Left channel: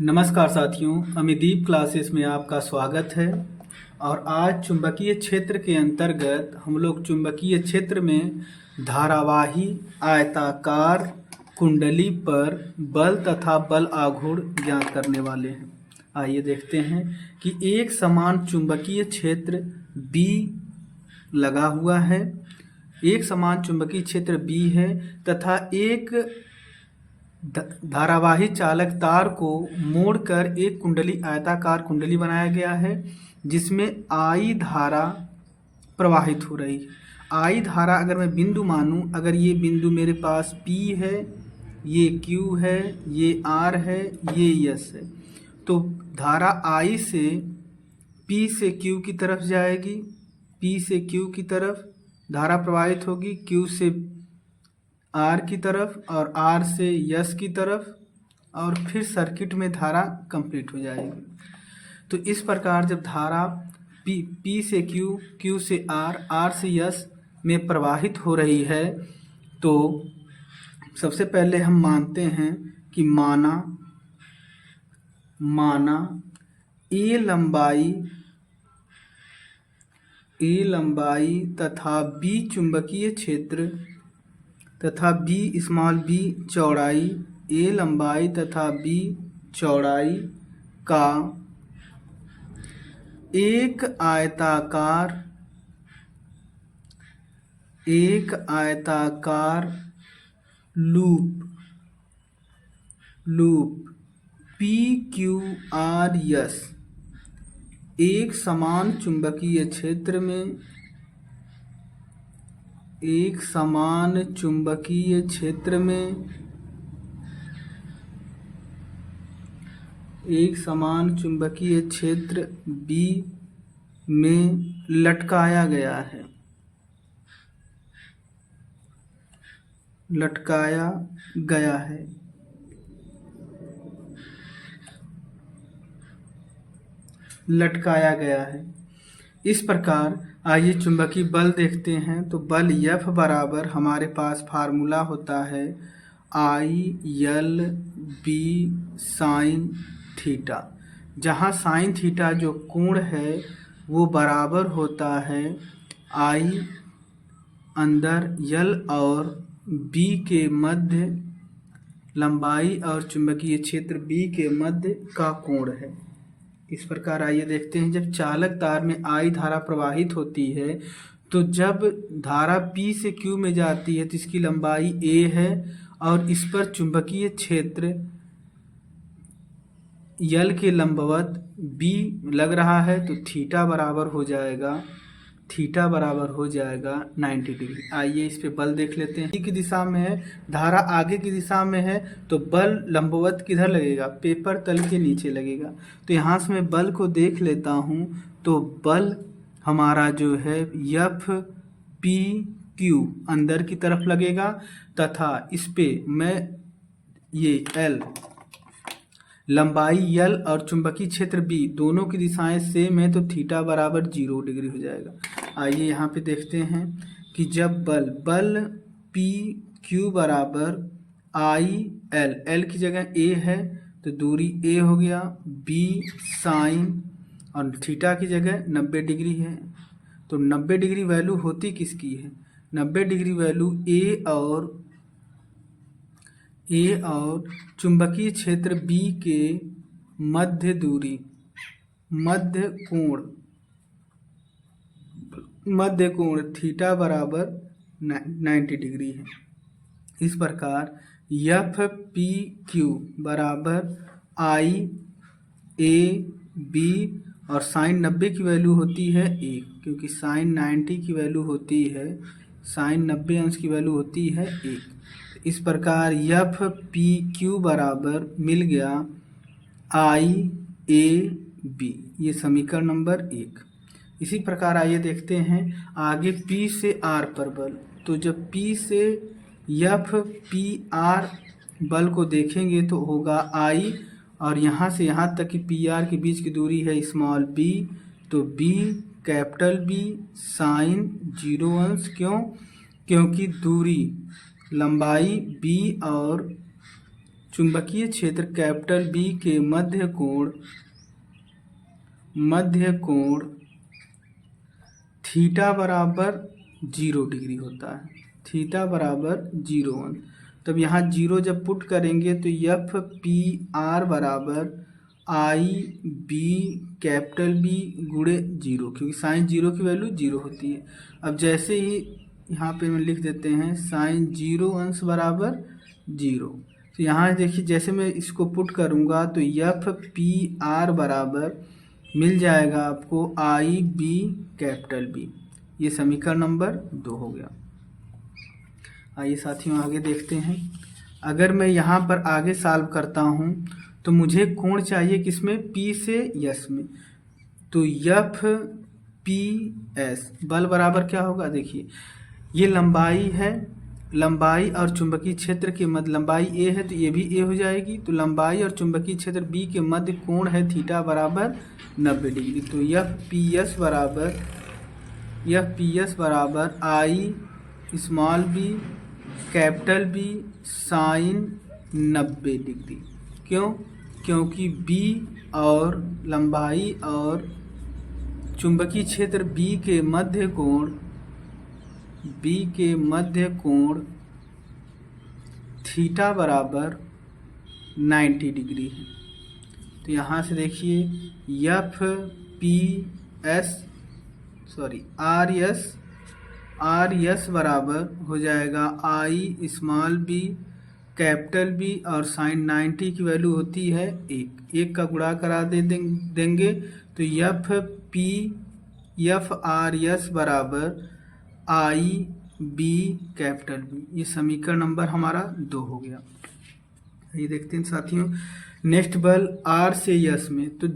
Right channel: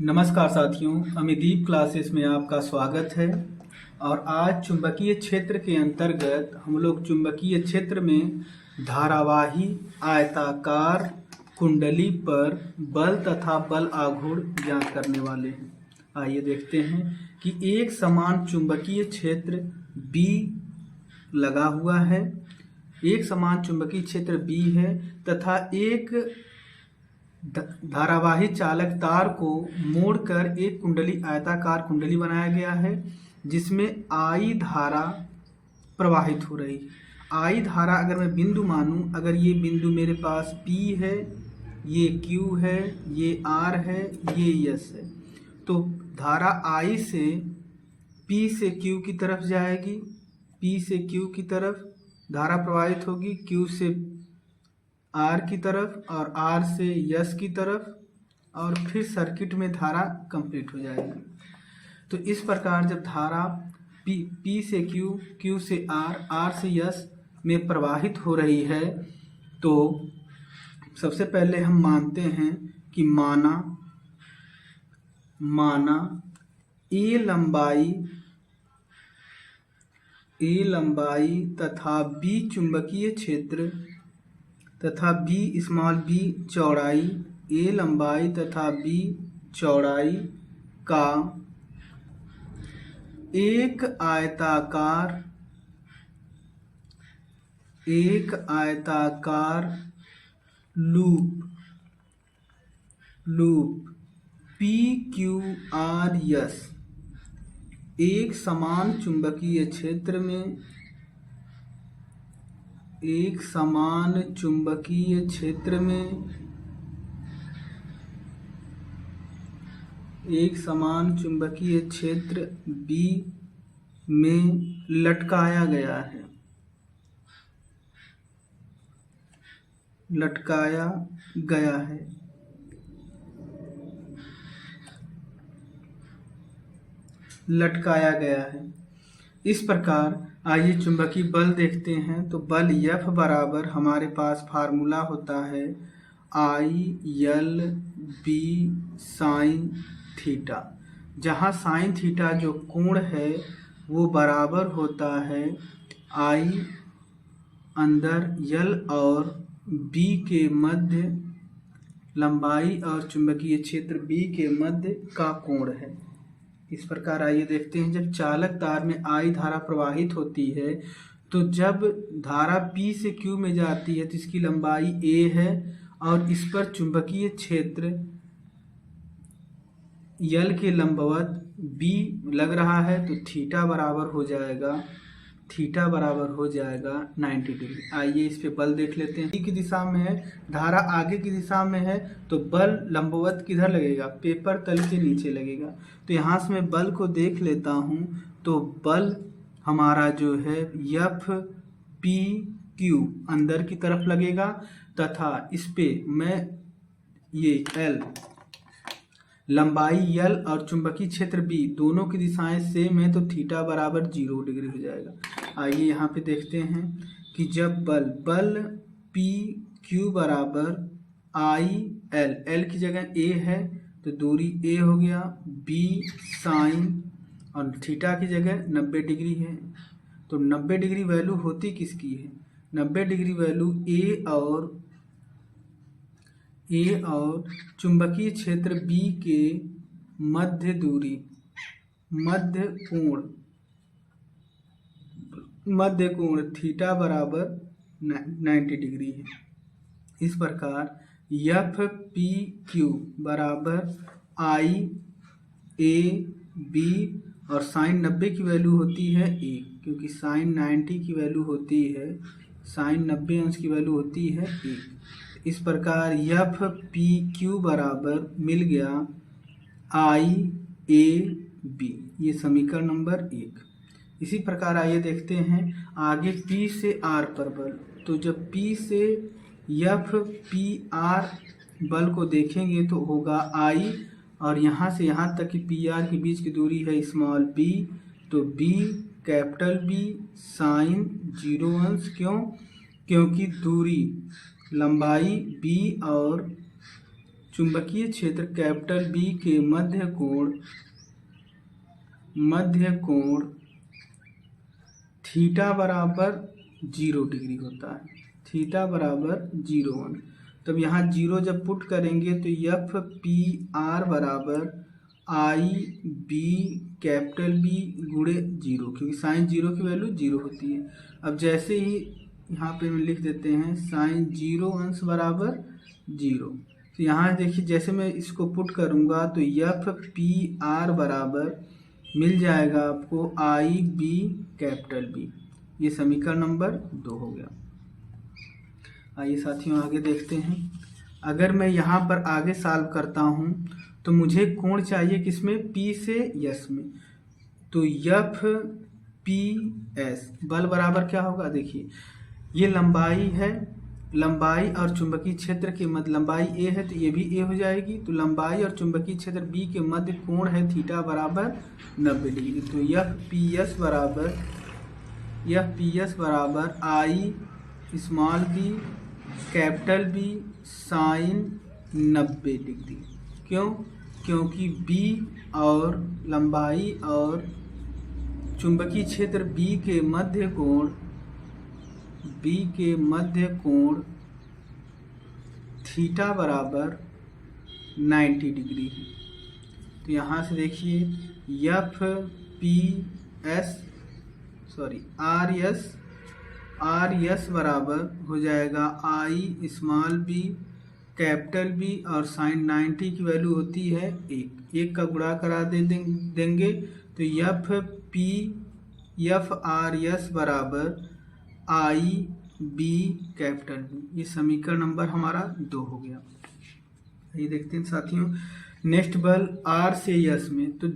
नमस्कार साथियों, अमिदीप क्लासेस में आपका स्वागत है। और आज चुंबकीय क्षेत्र के अंतर्गत हम लोग चुंबकीय क्षेत्र में धारावाही आयताकार कुंडली पर बल तथा बल आघूर्ण ज्ञात करने वाले हैं। आइए देखते हैं कि एक समान चुंबकीय क्षेत्र B लगा हुआ है। एक समान चुंबकीय क्षेत्र B है तथा एक धारावाही चालक तार को मोड़कर एक कुंडली आयताकार कुंडली बनाया गया है जिसमें I धारा प्रवाहित हो रही है। I धारा अगर मैं बिंदु मानूं, अगर ये बिंदु मेरे पास P है, ये Q है, ये R है, ये S है, तो धारा I से P से Q की तरफ जाएगी, P से Q की तरफ धारा प्रवाहित होगी, Q से R की तरफ और R से S की तरफ, और फिर सर्किट में धारा कंप्लीट हो जाएगी। तो इस प्रकार जब धारा P से Q, Q से R, R से S में प्रवाहित हो रही है तो सबसे पहले हम मानते हैं कि माना A लंबाई तथा B चुंबकीय क्षेत्र तथा b चौड़ाई, A लंबाई तथा B चौड़ाई का एक आयताकार लूप PQRS एक समान चुंबकीय क्षेत्र में एक समान चुंबकीय क्षेत्र B में लटकाया गया है। इस प्रकार आइए चुंबकीय बल देखते हैं। तो बल F बराबर हमारे पास फार्मूला होता है ILB साइन थीटा, जहाँ साइन थीटा जो कोण है वो बराबर होता है I अंदर L और B के मध्य लंबाई और चुंबकीय क्षेत्र B के मध्य का कोण है। इस प्रकार आइए देखते हैं, जब चालक तार में I धारा प्रवाहित होती है तो जब धारा P से Q में जाती है तो इसकी लंबाई A है और इस पर चुंबकीय क्षेत्र L के लंबवत B लग रहा है, तो थीटा बराबर हो जाएगा 90 डिग्री। आइए इस पे बल देख लेते हैं। की दिशा में है, धारा आगे की दिशा में है, तो बल लंबवत किधर लगेगा? पेपर तल के नीचे लगेगा। तो यहाँ से मैं बल को देख लेता हूँ, तो बल हमारा जो है FPQ अंदर की तरफ लगेगा तथा इस पे मैं ये L लंबाई L और चुंबकीय क्षेत्र B दोनों की दिशाएं सेम है, तो थीटा बराबर 0 डिग्री हो जाएगा। आइए यहाँ पे देखते हैं कि जब बल PQ बराबर IL, L की जगह A है तो दूरी A हो गया, B साइन और थीटा की जगह 90 डिग्री है। तो 90 डिग्री वैल्यू होती किसकी है? 90 डिग्री वैल्यू A और चुंबकीय क्षेत्र B के मध्य कोण थीटा बराबर 90 डिग्री है। इस प्रकार FPQ बराबर IAB और साइन 90 की वैल्यू होती है 1, क्योंकि साइन 90 की वैल्यू होती है, साइन 90 अंश की वैल्यू होती है 1। इस प्रकार FPQ बराबर मिल गया IAB, ये समीकरण नंबर 1। इसी प्रकार आइए देखते हैं आगे P से R पर बल। तो जब P से FPR बल को देखेंगे तो होगा I, और यहाँ से यहाँ तक कि PR के बीच की दूरी है स्मॉल b, तो B कैपिटल B साइन 0 अंश। क्योंकि दूरी लंबाई B और चुंबकीय क्षेत्र कैपिटल बी के मध्य कोण थीटा बराबर 0 डिग्री होता है, थीटा बराबर 0 तब यहाँ 0 जब पुट करेंगे तो एफ पी आर बराबर आई बी कैपिटल बी गुणे 0, क्योंकि साइन 0 की वैल्यू 0 होती है। अब जैसे ही यहाँ पे हम लिख देते हैं साइन 0 अंश बराबर 0, तो यहाँ देखिए जैसे मैं इसको पुट करूँगा तो एफ पी आर बराबर मिल जाएगा आपको आई बी कैपिटल बी। ये समीकरण नंबर 2 हो गया। आइए साथियों आगे देखते हैं। अगर मैं यहाँ पर आगे सॉल्व करता हूँ तो मुझे कोण चाहिए किसमें, P से S में, तो एफ पी एस बल बराबर क्या होगा, देखिए ये लंबाई है, लंबाई और चुंबकीय क्षेत्र के मध्य, लंबाई A है तो ये भी A हो जाएगी, तो लंबाई और चुंबकीय क्षेत्र B के मध्य कोण है थीटा बराबर 90 डिग्री। तो एफ पी एस बराबर I small b capital B sine 90 degree. क्यों, क्योंकि B और लंबाई और चुंबकीय क्षेत्र B के मध्य कोण थीटा बराबर 90 डिग्री है। तो यहाँ से देखिए F P S R S बराबर हो जाएगा I small b capital B और साइन 90 की वैल्यू होती है 1 का गुणा करा देंगे तो एफ आर एस बराबर आई बी कैपिटल बी। ये समीकरण नंबर हमारा 2 हो गया। ये देखते हैं साथियों, नेक्स्ट बल आर से यस में, तो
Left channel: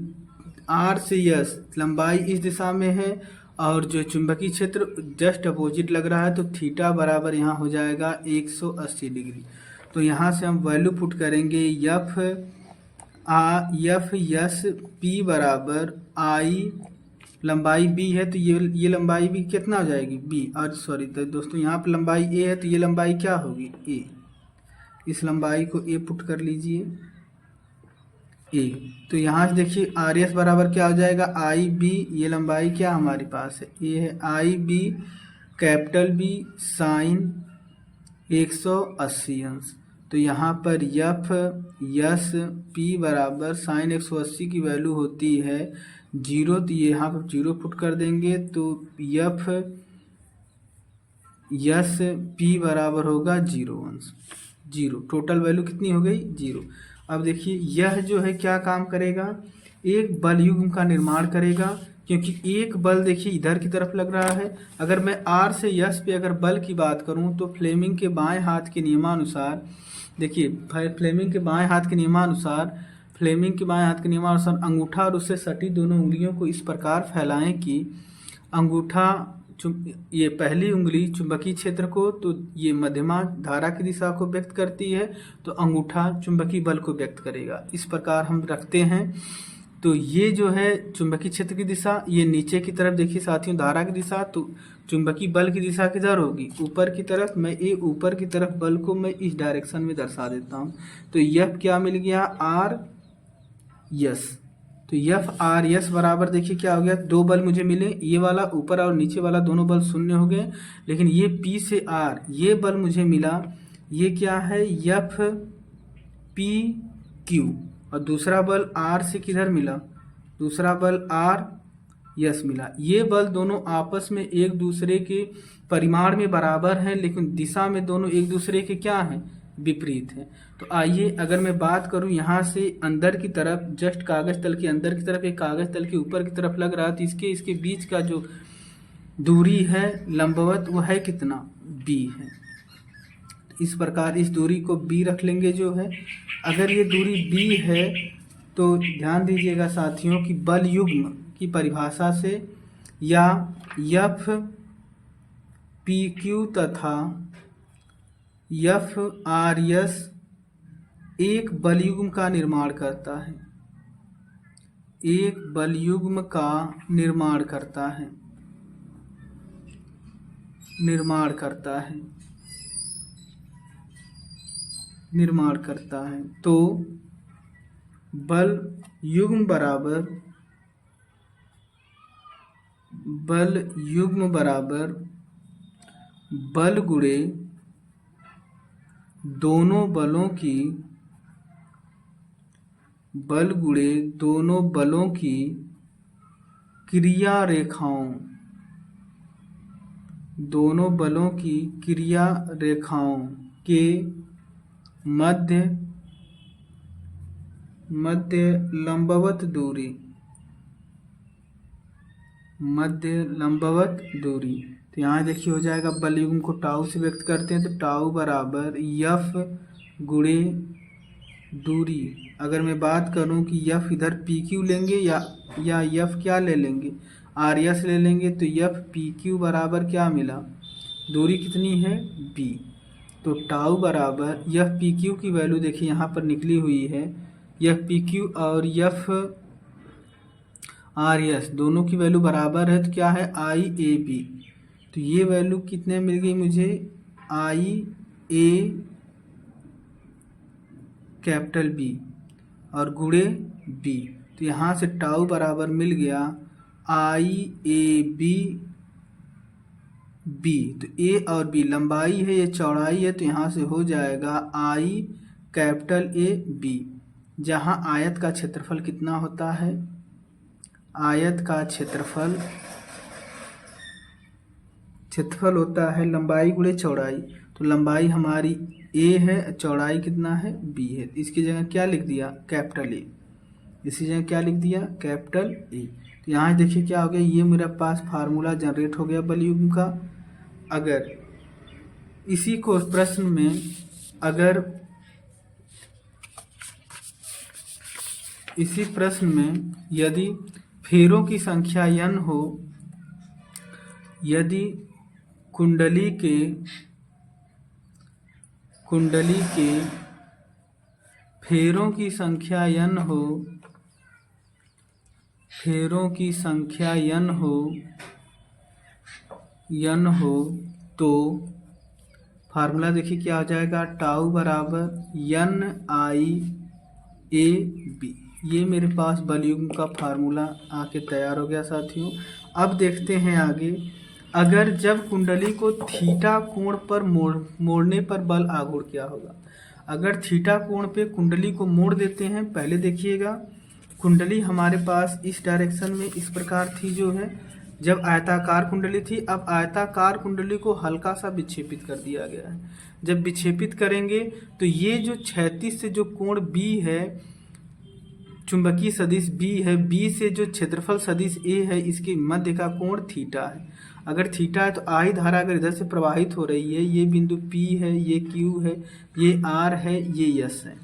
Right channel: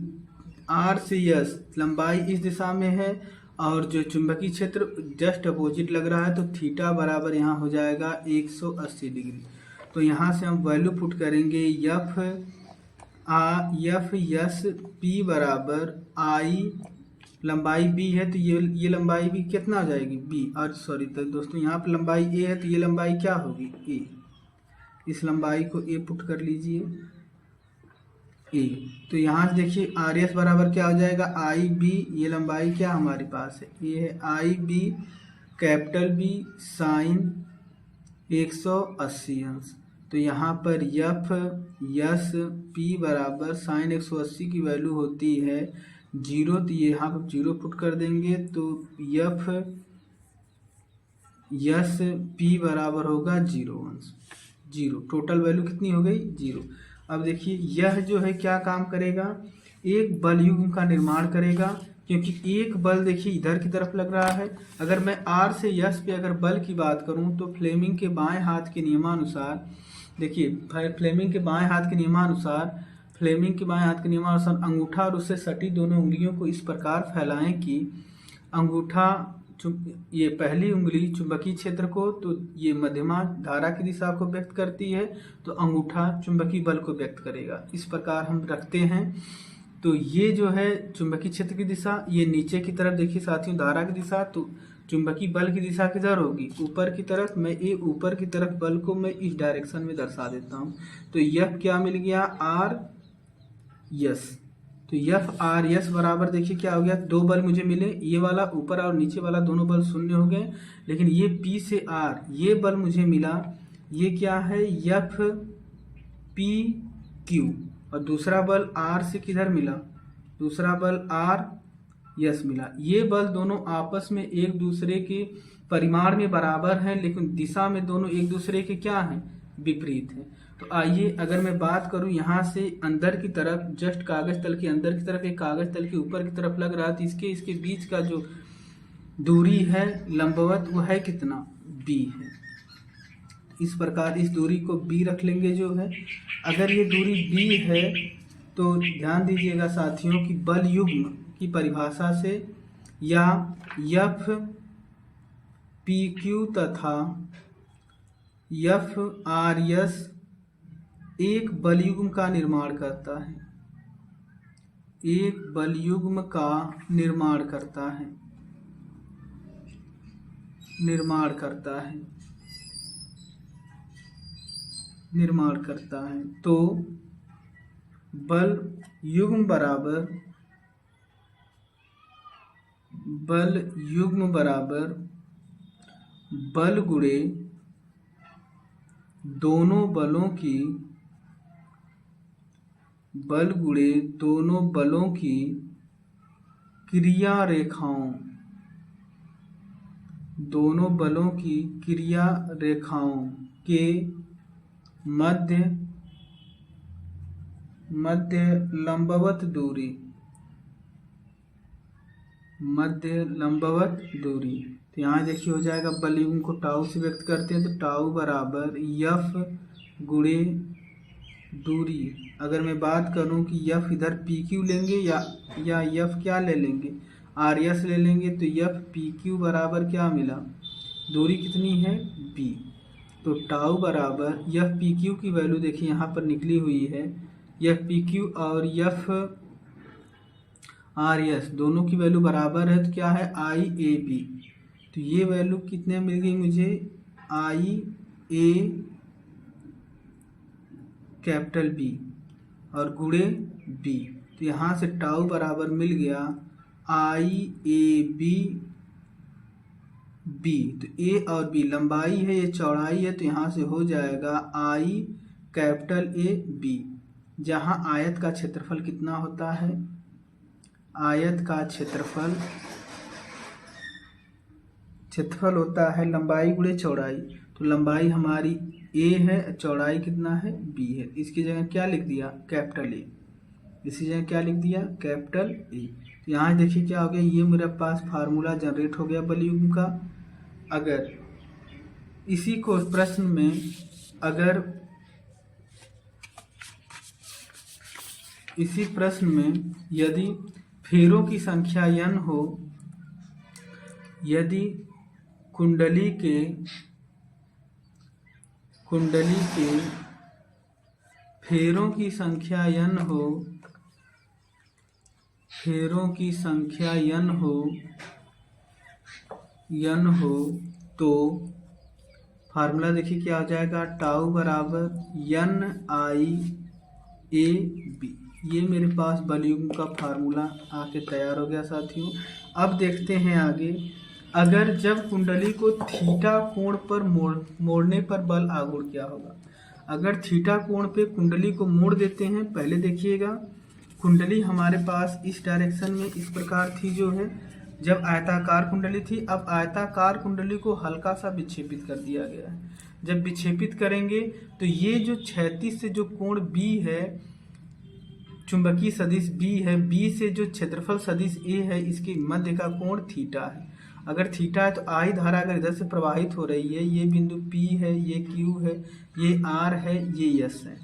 आर से यस लंबाई इस दिशा में है और जो चुंबकीय क्षेत्र जस्ट अपोजिट लग रहा है, तो थीटा बराबर यहाँ हो जाएगा 180 डिग्री। तो यहाँ से हम वैल्यू पुट करेंगे एफ एस पी बराबर आई, लंबाई बी है तो ये लंबाई भी कितना हो जाएगी बी, और सॉरी तो दोस्तों यहाँ पे लंबाई ए है तो ये लंबाई क्या होगी ए, इस लंबाई को ए पुट कर लीजिए ए। तो यहाँ से देखिए आर एस बराबर क्या हो जाएगा आई बी, ये लंबाई क्या हमारे पास है ये है आई बी कैपिटल बी साइन 180 अंश। तो यहाँ पर एफ एस पी बराबर साइन 180 की वैल्यू होती है 0, तो ये यहाँ पर 0 पुट कर देंगे तो एफ एस पी बराबर होगा 0 अंश 0। टोटल वैल्यू कितनी हो गई 0। अब देखिए यह जो है क्या काम करेगा, एक बल युग्म का निर्माण करेगा, क्योंकि एक बल देखिए इधर की तरफ लग रहा है। अगर मैं आर से यस पे अगर बल की बात करूं तो फ्लेमिंग के बाएं हाथ के नियमानुसार, देखिए फ्लेमिंग के बाएं हाथ के नियमानुसार अंगूठा और उससे सटी दोनों उंगलियों को इस प्रकार फैलाएं कि अंगूठा ये पहली उंगली चुंबकीय क्षेत्र को, तो ये मध्यमा धारा की दिशा को व्यक्त करती है, तो अंगूठा चुंबकीय बल को व्यक्त करेगा। इस प्रकार हम रखते हैं। तो ये जो है चुंबकीय क्षेत्र की दिशा, ये नीचे की तरफ देखिए साथियों धारा की दिशा, तो चुंबकीय बल की दिशा किधर होगी ऊपर की तरफ। मैं ये ऊपर की तरफ बल को मैं इस डायरेक्शन में दर्शा देता हूँ। तो यह क्या मिल गया आर यस, तो एफ आर एस बराबर देखिए क्या हो गया, 2 बल मुझे मिले, ये वाला ऊपर और नीचे वाला दोनों बल शून्य हो गए, लेकिन ये पी से आर ये बल मुझे मिला, ये क्या है एफ पी क्यू, और दूसरा बल आर से किधर मिला, दूसरा बल आर यस मिला। ये बल दोनों आपस में एक दूसरे के परिमाण में बराबर हैं, लेकिन दिशा में दोनों एक दूसरे के क्या हैं विपरीत है। तो आइए अगर मैं बात करूं यहाँ से अंदर की तरफ, जस्ट कागज तल के अंदर की तरफ एक कागज तल के ऊपर की तरफ लग रहा, तो इसके बीच का जो दूरी है लंबवत वो है कितना b है। इस प्रकार इस दूरी को b रख लेंगे जो है। अगर ये दूरी b है तो ध्यान दीजिएगा साथियों कि बल युग्म की परिभाषा से या एफ पी क्यू तथा एफ आर एस एक बलयुग्म का निर्माण करता है, एक बलयुग्म का निर्माण करता है निर्माण करता है। तो बल युग्म बराबर बल गुणे दोनों बलों की क्रिया रेखाओं के मध्य लंबवत दूरी। तो यहाँ देखिए हो जाएगा, बल युग्म को टाउ से व्यक्त करते हैं तो टाउ बराबर यफ गुणे दूरी। अगर मैं बात करूं कि यफ इधर पी क्यू लेंगे या यफ क्या ले लेंगे, आर एस ले लेंगे, तो यफ पी क्यू बराबर क्या मिला, दूरी कितनी है बी। तो टाउ बराबर यफ पी क्यू की वैल्यू देखिए यहाँ पर निकली हुई है, यफ पी क्यू और यफ आर एस दोनों की वैल्यू बराबर है, तो क्या है आई ए बी। तो ये वैल्यू कितने मिल गई मुझे, आई ए कैपिटल बी और गुणे बी। तो यहाँ से टाउ बराबर मिल गया आई ए बी बी। तो ए और बी लंबाई है, ये चौड़ाई है, तो यहाँ से हो जाएगा आई कैपिटल ए बी। जहाँ आयत का क्षेत्रफल कितना होता है, आयत का क्षेत्रफल होता है लंबाई गुणे चौड़ाई। तो लंबाई हमारी ए है, चौड़ाई कितना है बी है। इसकी जगह क्या लिख दिया, कैपिटल ए। इसी जगह क्या लिख दिया, कैपिटल ए। तो यहाँ देखिए क्या हो गया, ये मेरे पास फार्मूला जनरेट हो गया बल युग्म का। अगर इसी को प्रश्न में यदि फेरों की संख्या n हो, यदि कुंडली के फेरों की संख्या n हो तो फार्मूला देखिए क्या हो जाएगा, टाउ बराबर n आई ए बी। ये मेरे पास बल युग्म का फार्मूला आके तैयार हो गया साथियों। अब देखते हैं आगे, अगर जब कुंडली को थीटा कोण पर मोड़ने पर बल आघूर्ण क्या होगा। अगर थीटा कोण पे कुंडली को मोड़ देते हैं, पहले देखिएगा कुंडली हमारे पास इस डायरेक्शन में इस प्रकार थी जो है, जब आयताकार कुंडली थी। अब आयताकार कुंडली को हल्का सा विक्षेपित कर दिया गया है। जब विक्षेपित करेंगे तो ये जो क्षैतिज से जो कोण बी है, चुंबकीय सदिश बी है, बी से जो क्षेत्रफल सदिश ए है, इसके मध्य का कोण थीटा है। अगर थीटा है तो आई धारा अगर इधर से प्रवाहित हो रही है, ये बिंदु पी है, ये क्यू है, ये आर है, ये यस है।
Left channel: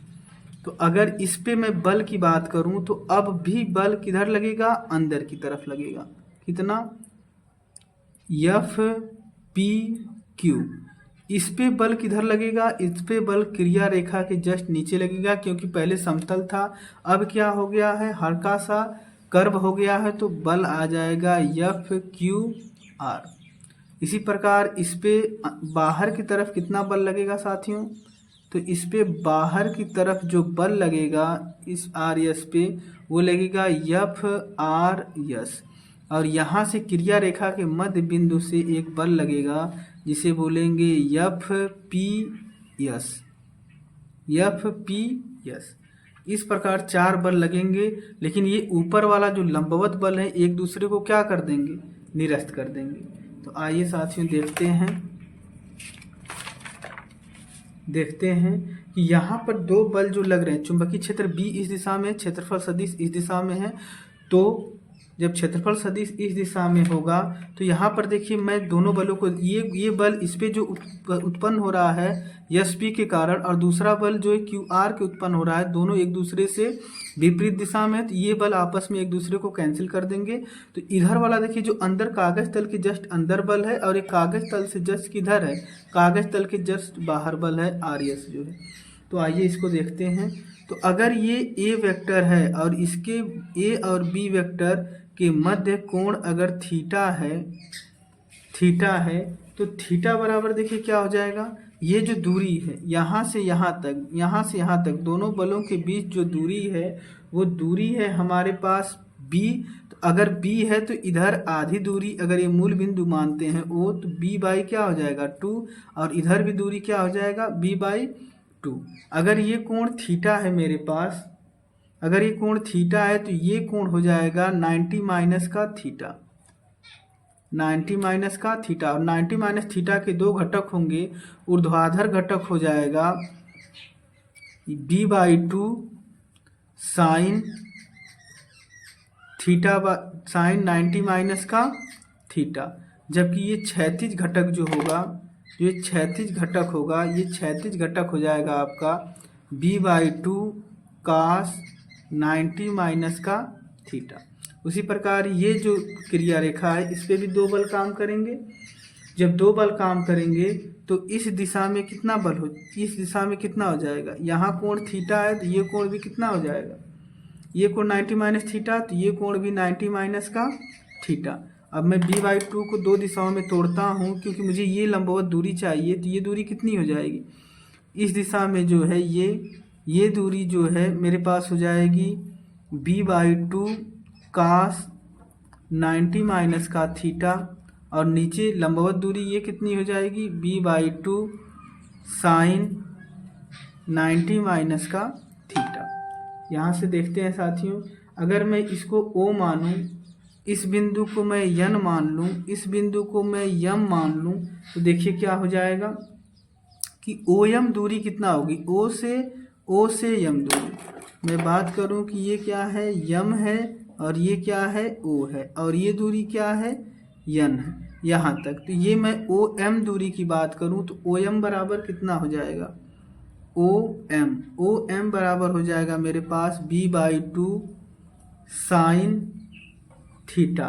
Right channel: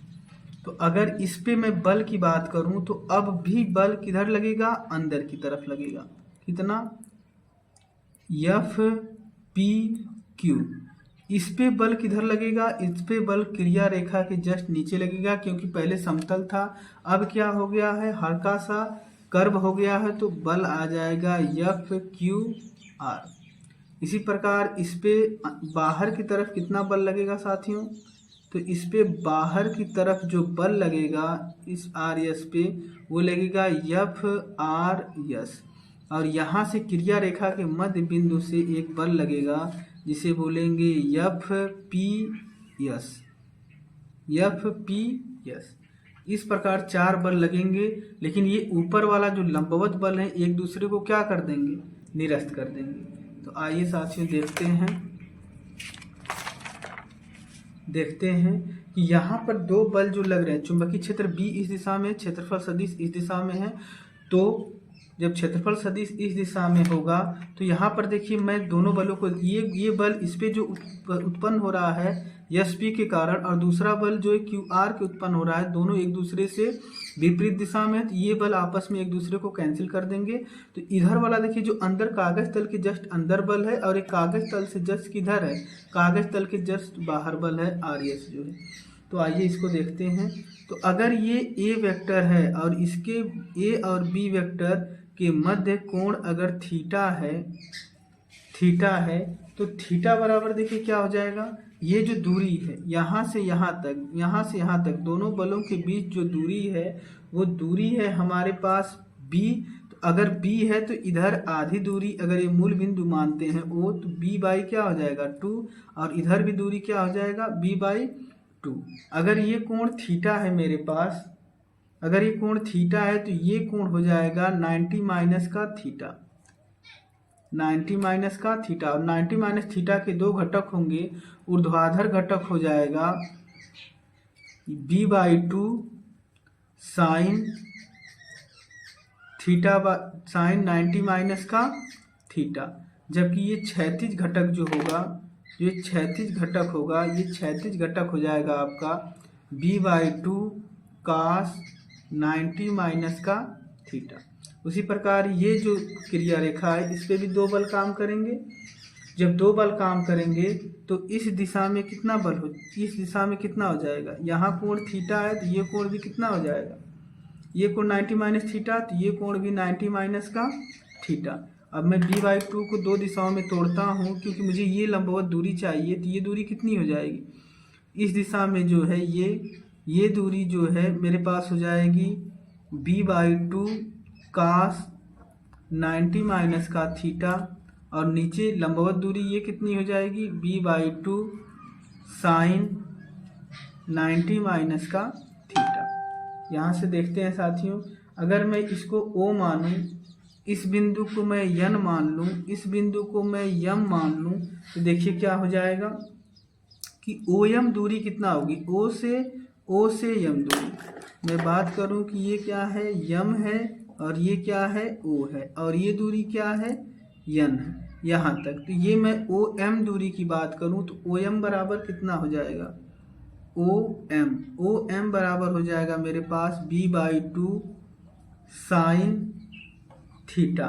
तो अगर इस पे मैं बल की बात करूं तो अब भी बल किधर लगेगा, अंदर की तरफ लगेगा। कितना, एफ पी क्यू। इस पे बल किधर लगेगा, इस पे बल क्रिया रेखा के जस्ट नीचे लगेगा, क्योंकि पहले समतल था, अब क्या हो गया है, हल्का सा कर्व हो गया है, तो बल आ जाएगा एफ क्यू आर। इसी प्रकार इस पे बाहर की तरफ कितना बल लगेगा साथियों, तो इस पे बाहर की तरफ जो बल लगेगा इस आर एस पे, वो लगेगा एफ आर एस। और यहाँ से क्रिया रेखा के मध्य बिंदु से एक बल लगेगा जिसे बोलेंगे एफ पी एस। इस प्रकार 4 बल लगेंगे, लेकिन ये ऊपर वाला जो लंबवत बल है एक दूसरे को क्या कर देंगे, निरस्त कर देंगे। तो आइए साथियों देखते हैं कि यहाँ पर 2 बल जो लग रहे हैं, चुंबकीय क्षेत्र बी इस दिशा में, क्षेत्रफल सदिश इस दिशा में है। तो जब क्षेत्रफल सदिश इस दिशा में होगा तो यहाँ पर देखिए मैं दोनों बलों को, ये बल इस पे जो उत्पन्न हो रहा है एस पी के कारण, और दूसरा बल जो है क्यू आर के उत्पन्न हो रहा है, दोनों एक दूसरे से विपरीत दिशा में, तो ये बल आपस में एक दूसरे को कैंसिल कर देंगे। तो इधर वाला देखिए जो अंदर कागज तल के जस्ट अंदर बल है, और एक कागज तल से जस्ट किधर है, कागज तल के जस्ट बाहर बल है आर एस जो है। तो आइए इसको देखते हैं। तो अगर ये ए वेक्टर है और इसके ए और बी वेक्टर के मध्य कोण अगर थीटा है, तो थीटा बराबर देखिए क्या हो जाएगा, ये जो दूरी है यहाँ से यहाँ तक, यहाँ से यहाँ तक, दोनों बलों के बीच जो दूरी है वो दूरी है हमारे पास b। तो अगर b है तो इधर आधी दूरी, अगर ये मूल बिंदु मानते हैं o, तो b बाई क्या हो जाएगा 2, और इधर भी दूरी क्या हो जाएगा b बाई 2। अगर ये कोण थीटा है मेरे पास, अगर ये कोण थीटा है तो ये कोण हो जाएगा 90 माइनस का थीटा, 90 माइनस का थीटा। और 90 माइनस थीटा के दो घटक होंगे, ऊर्ध्वाधर घटक हो जाएगा b by 2 sine theta sine 90 minus का थीटा, जबकि ये क्षैतिज घटक जो होगा, ये क्षैतिज घटक होगा, ये क्षैतिज घटक हो जाएगा आपका b बाई 2 कास 90 माइनस का थीटा। उसी प्रकार ये जो क्रिया रेखा है इस पे भी दो बल काम करेंगे। जब दो बल काम करेंगे तो इस दिशा में कितना बल हो, इस दिशा में कितना हो जाएगा, यहाँ कोण थीटा है तो ये कोण भी कितना हो जाएगा, ये कोण 90 माइनस थीटा, तो ये कोण भी 90 माइनस का थीटा। अब मैं b बाई 2 को दो दिशाओं में तोड़ता हूँ क्योंकि मुझे ये लंबवत दूरी चाहिए, तो ये दूरी कितनी हो जाएगी, इस दिशा में जो है ये दूरी जो है मेरे पास हो जाएगी b बाई 2 कास 90 माइनस का थीटा, और नीचे लंबवत दूरी ये कितनी हो जाएगी b बाई 2 साइन 90 माइनस का थीटा। यहाँ से देखते हैं साथियों, अगर मैं इसको O मानूं, इस बिंदु को मैं N मान लूँ, इस बिंदु को मैं M मान लूँ, तो देखिए क्या हो जाएगा कि OM दूरी कितना होगी, O से M दूरी। मैं बात करूँ कि ये क्या है M है, और ये क्या है O है, और ये दूरी क्या है N है यहाँ तक। तो ये मैं OM दूरी की बात करूँ तो OM बराबर कितना हो जाएगा, OM बराबर हो जाएगा मेरे पास b बाई 2 साइन थीटा,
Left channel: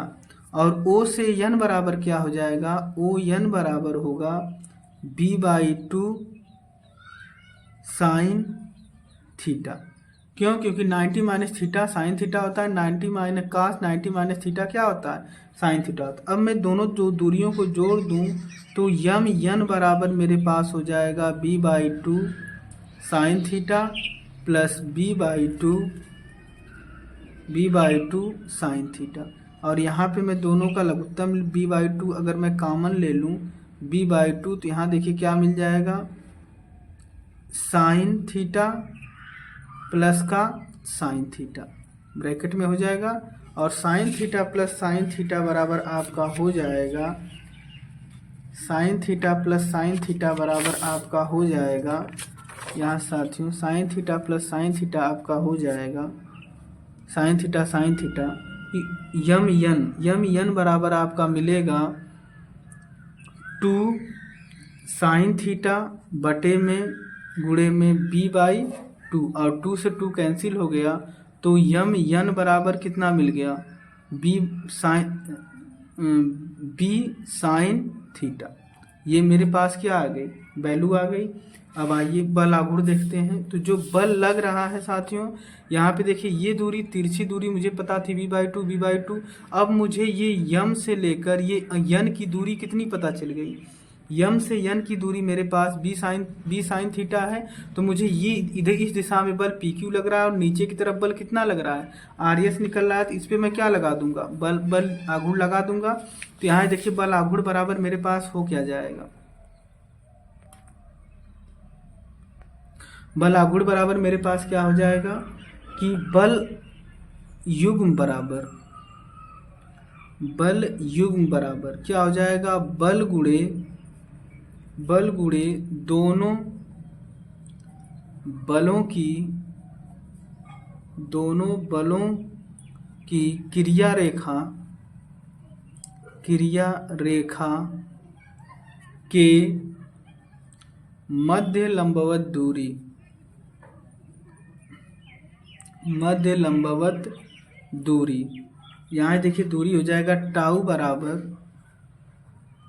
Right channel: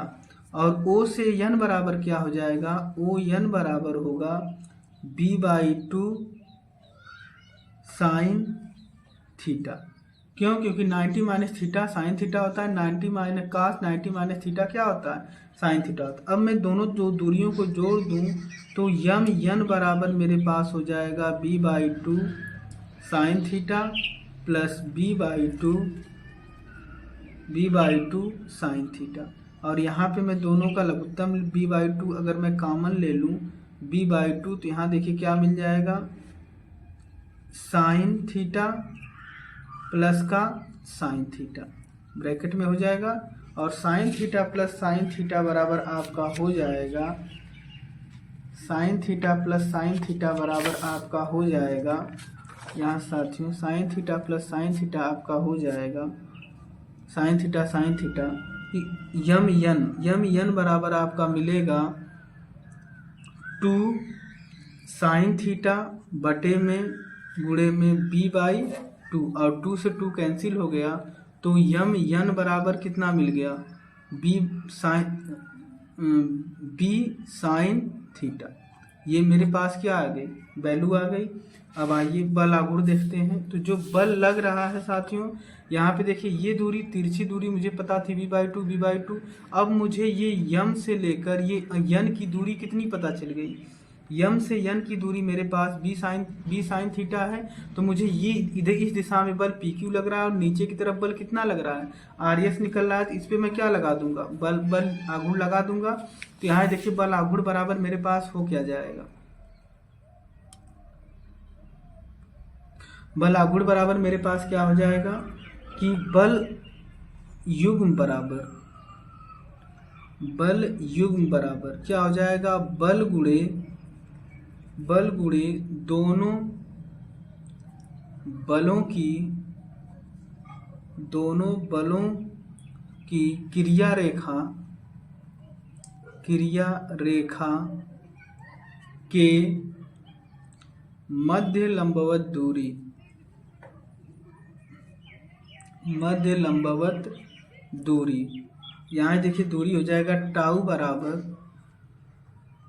और O से N बराबर क्या हो जाएगा, ON बराबर होगा b बाई 2 साइन थीटा। क्यों, क्योंकि 90 माइनस थीटा साइन थीटा होता है, 90 माइनस कास 90 माइनस थीटा क्या होता है, साइन थीटा होता है। अब मैं दोनों जो दूरियों को जोड़ दूं तो N बराबर मेरे पास हो जाएगा b by 2 sine theta plus b by 2 sine theta. और यहाँ पे मैं दोनों का लघुत्तम b बाई 2 अगर मैं कॉमन ले लूँ b बाई 2, तो यहाँ देखिए क्या मिल जाएगा, साइन थीटा प्लस का साइन थीटा ब्रैकेट में हो जाएगा, और sine theta plus sine theta बराबर आपका हो जाएगा, sine theta plus sine theta बराबर आपका हो जाएगा, यहाँ साथियों sine theta plus sine theta आपका हो जाएगा, साइन थीटा यम बराबर आपका मिलेगा 2 साइन थीटा बटे में गुणे में b बाई 2, और 2 से 2 कैंसिल हो गया, तो यन बराबर कितना मिल गया, b साइन थीटा। ये मेरे पास क्या आ गई, वैल्यू आ गई। अब आइए बल आघूर्ण देखते हैं। तो जो बल लग रहा है साथियों, यहाँ पे देखिए ये दूरी, तिरछी दूरी मुझे पता थी b बाई 2। अब मुझे ये यम से लेकर ये यन की दूरी कितनी पता चल गई, यम से यन की दूरी मेरे पास b साइन थीटा है। तो मुझे ये इधर इस दिशा में बल PQ लग रहा है, और नीचे की तरफ बल कितना लग रहा है, RS निकल रहा है। तो इस पे मैं क्या लगा दूंगा, बल आघूर्ण लगा दूंगा। तो यहाँ देखिए बल आघूर्ण बराबर मेरे पास हो क्या जाएगा, बल आघूर्ण बराबर मेरे पास क्या हो जाएगा कि बल युग्म बराबर क्या हो जाएगा, बल गुणे दोनों बलों की क्रिया रेखा के मध्य लंबवत दूरी। यहाँ देखिए दूरी हो जाएगा टाउ बराबर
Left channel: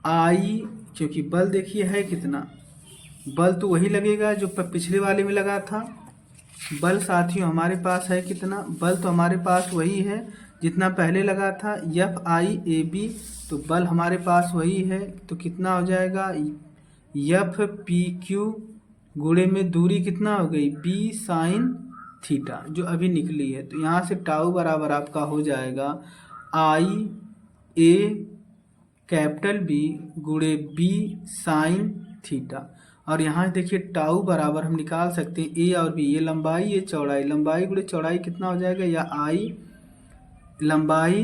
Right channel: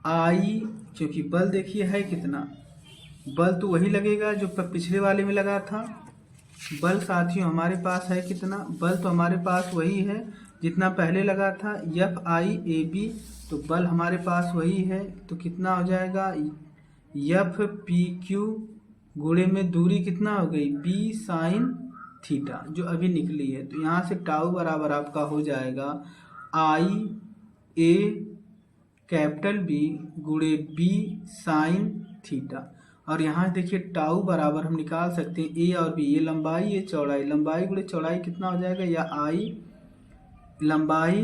आई, क्योंकि बल देखिए है कितना, बल तो वही लगेगा जो पिछले वाले में लगा था। बल साथियों हमारे पास है कितना, बल तो हमारे पास वही है जितना पहले लगा था, FIAB। तो बल हमारे पास वही है, तो कितना हो जाएगा, एफ पी क्यू गुणे में दूरी कितना हो गई बी साइन थीटा जो अभी निकली है। तो यहाँ से टाउ बराबर आपका हो जाएगा आई ए कैपिटल बी गुणे बी साइन थीटा। और यहाँ देखिए टाउ बराबर हम निकाल सकते हैं ए और बी, ये लंबाई ये चौड़ाई, लंबाई गुणे चौड़ाई कितना हो जाएगा, या आई लंबाई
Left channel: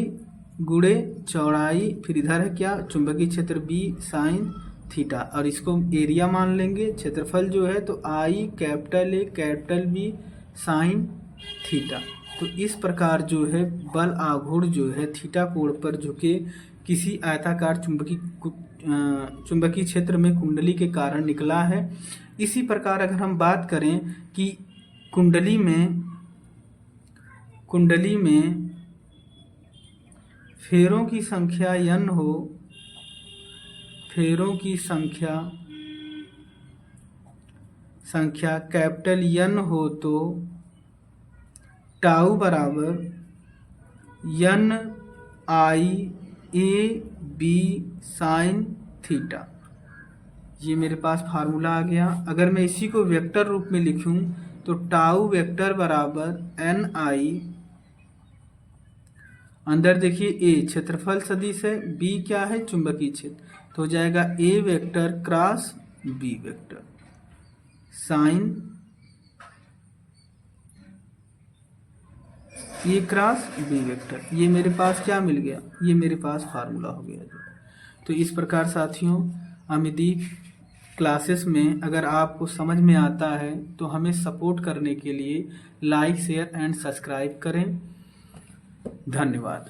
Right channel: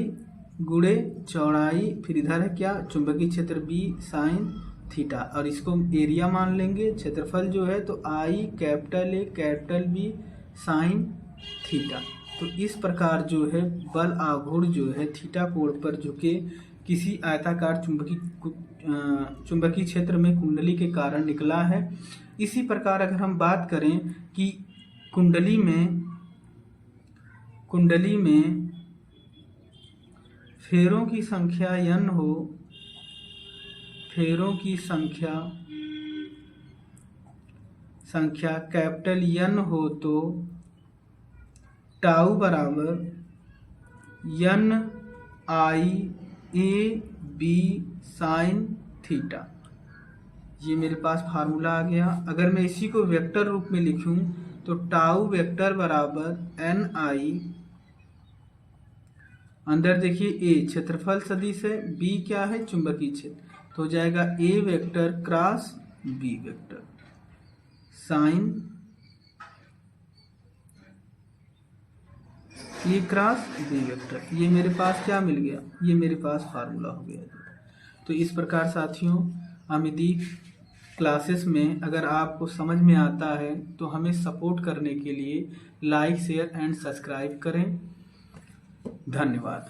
गुणे चौड़ाई, फिर इधर है क्या चुंबकीय क्षेत्र बी साइन थीटा, और इसको एरिया मान लेंगे क्षेत्रफल जो है, तो I capital A capital B sine theta. तो इस प्रकार जो है बल आघूर्ण जो है थीटा कोण पर झुके किसी आयताकार चुंबकीय क्षेत्र में कुंडली के कारण निकला है। इसी प्रकार अगर हम बात करें कि कुंडली में फेरों की संख्या n हो, फेरों की संख्या कैपिटल N हो तो टाउ बराबर N I A B sine theta, ये मेरे पास फार्मूला आ गया। अगर मैं इसी को वेक्टर रूप में लिखूं तो टाउ वेक्टर बराबर एन आई, अंदर देखिए ए क्षेत्रफल सदिश है, बी क्या है चुंबकीय क्षेत्र, तो हो जाएगा A vector cross B vector sine A cross B vector. ये मेरे पास क्या मिल गया, ये मेरे पास फार्मूला हो गया। तो इस प्रकार साथियों अमिदीप क्लासेस में अगर आपको समझ में आता है तो हमें सपोर्ट करने के लिए लाइक शेयर एंड सब्सक्राइब करें। धन्यवाद।